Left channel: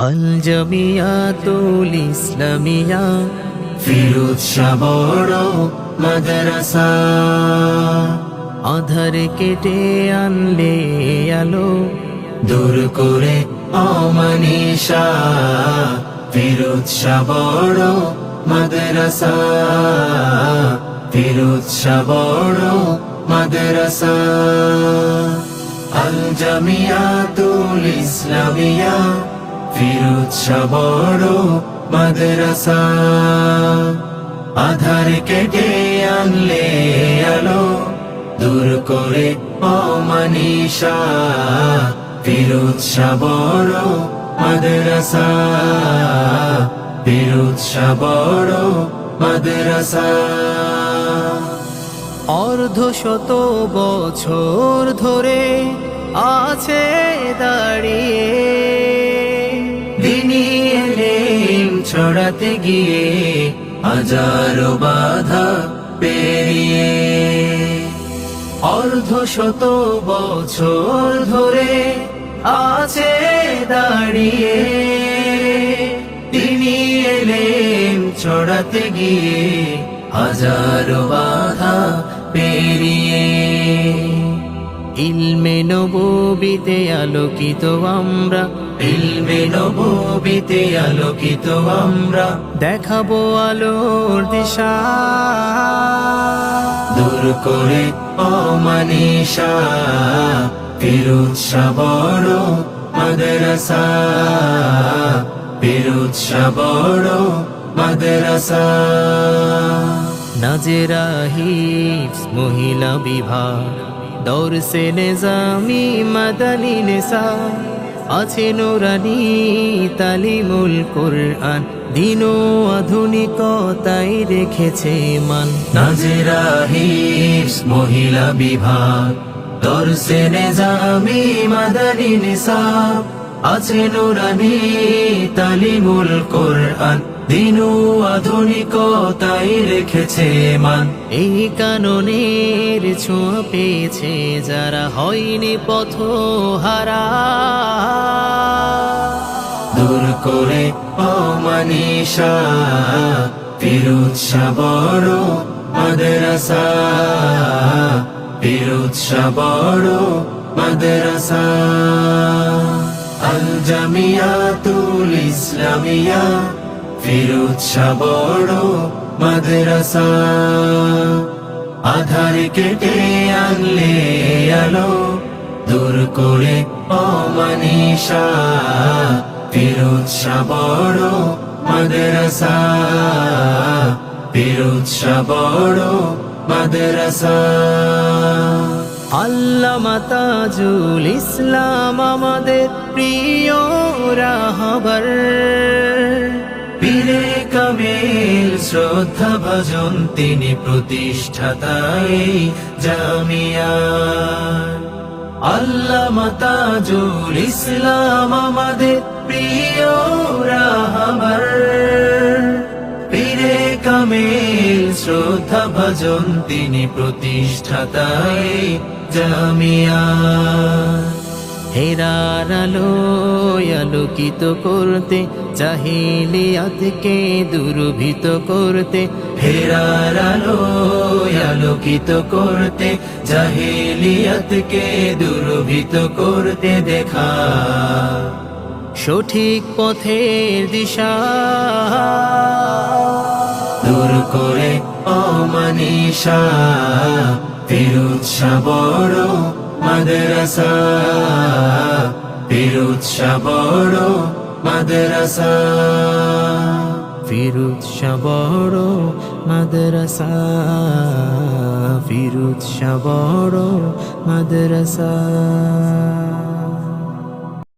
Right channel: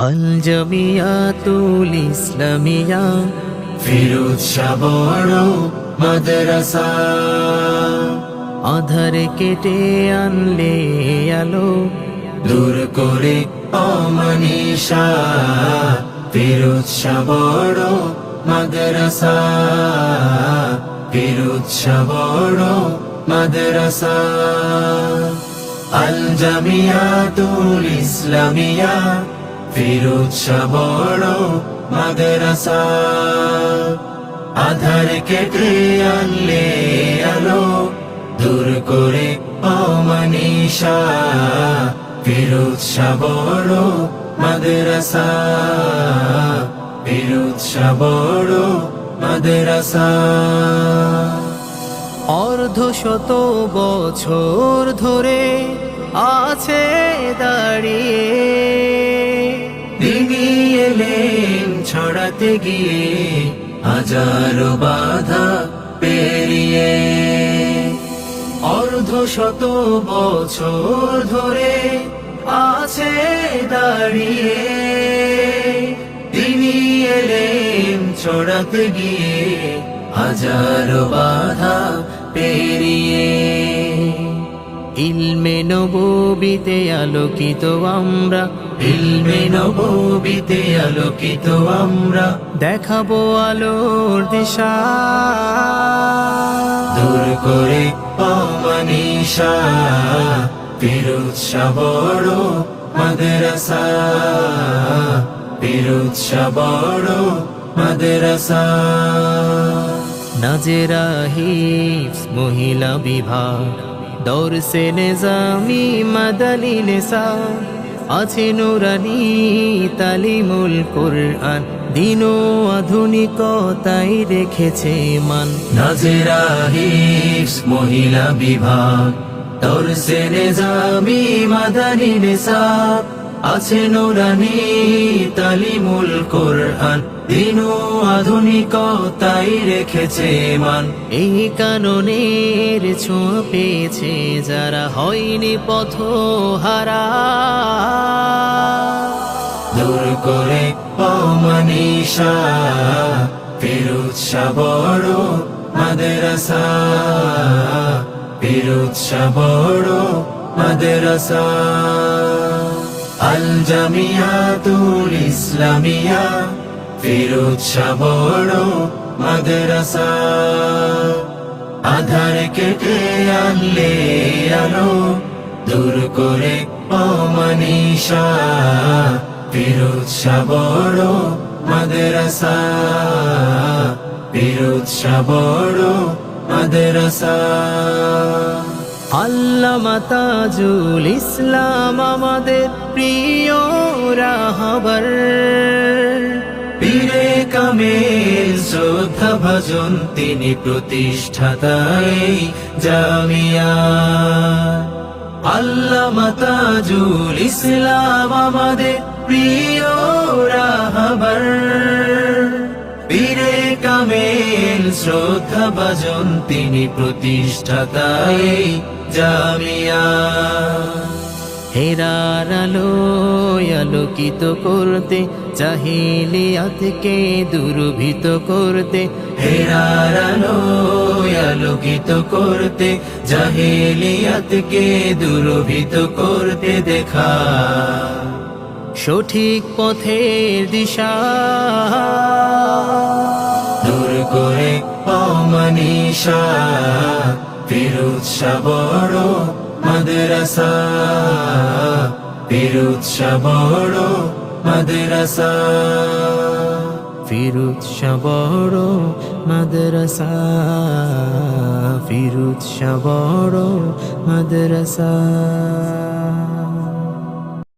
আল জামিয়াতুল ইসলামিয়া। ফিরুজ বড় মাদ্রাসা। আধার কেটে আনলে আলো। দূর করে অমনীষা ফিরুজ বড় মাদ্রাসা। ফিরুজ বড় মাদ্রাসা। আল জামিয়াতুল ইসলামিয়া। ফিরুজ বড় মাদ্রাসা। আধার কেটে আনলে আলো দূর করে অমনীষা ফিরোজ বড় মাদ্রাসা ফিরোজ মাদ্রাসা। অর্ধ শত বছর ধরে আছে দাঁড়িয়ে ছড়াতে গিয়ে হাজারো বাধা পেরিয়ে অর্ধ শত বছর ধরে আছে দাঁড়িয়ে। তিনি এলেম ছড়াতে গিয়ে হাজারো বাধা পেরিয়ে। ইলমে নবীতে আলোকিত আমরা। ইলমে নবীতে আলোকিত আমরা। দেখাবো আলোর দিশা। দূর করে অমানিসা ফিরুজ বড় মাদ্রাসা। ফিরুজ বড় মাদ্রাসা। নাজেরা হিফস মহিলা বিভাগ। দর্শে নেজামি মাদানি নেশা আছে নোরানি তালিমুল কোরআন, দিন আধুনিকতাই রেখেছে মান। নাজেরা হিস মহিলা বিভাগ দর্শে নেজামি মাদানি নিসা, আছে নুরানি তালিমুল কোরআন। দিনু আধুনিকতাই রেখেছে মান। এই কাননের ছোঁয়া পেয়েছে যারা হয়নি পথ হারা দূর করে অমানিসা ফিরুজ বড় মাদ্রাসা। ফিরুজ বড় মাদ্রাসা। আল জামিয়াতুল ইসলামিয়া ফিরুজ আধার কেটে আনলে আলো দূর করে অমনীষা ফিরুজ বড় মাদ্রাসা ফিরুজ ইসলাম আমাদের প্রিয় রাহবার কামেল শ্রদ্ধা ভজন, তিনি প্রতিষ্ঠাতাই জামিয়া। আল্লাহ মাতাজুল ইসলাম আমাদের প্রিয় রাহবার। পীরে কামেল শ্রদ্ধা ভজন, তিনি প্রতিষ্ঠাতাই জামিয়া। হেরার আলো আলোকিত করতে জাহিলিয়াতকে দুর্ভিত করতে। হেরার আলো আলোকিত করতে জাহেলিয়াতকে দুর্ভিত করতে দেখা। সঠিক পথের দিশা দূর করে অমনীষা ফিরুজ বড় মাদ্রাসা ফিরুজ বড় মাদ্রাসা। ফিরুজ বড় মাদ্রাসা ফিরুজ বড় মাদ্রাসা।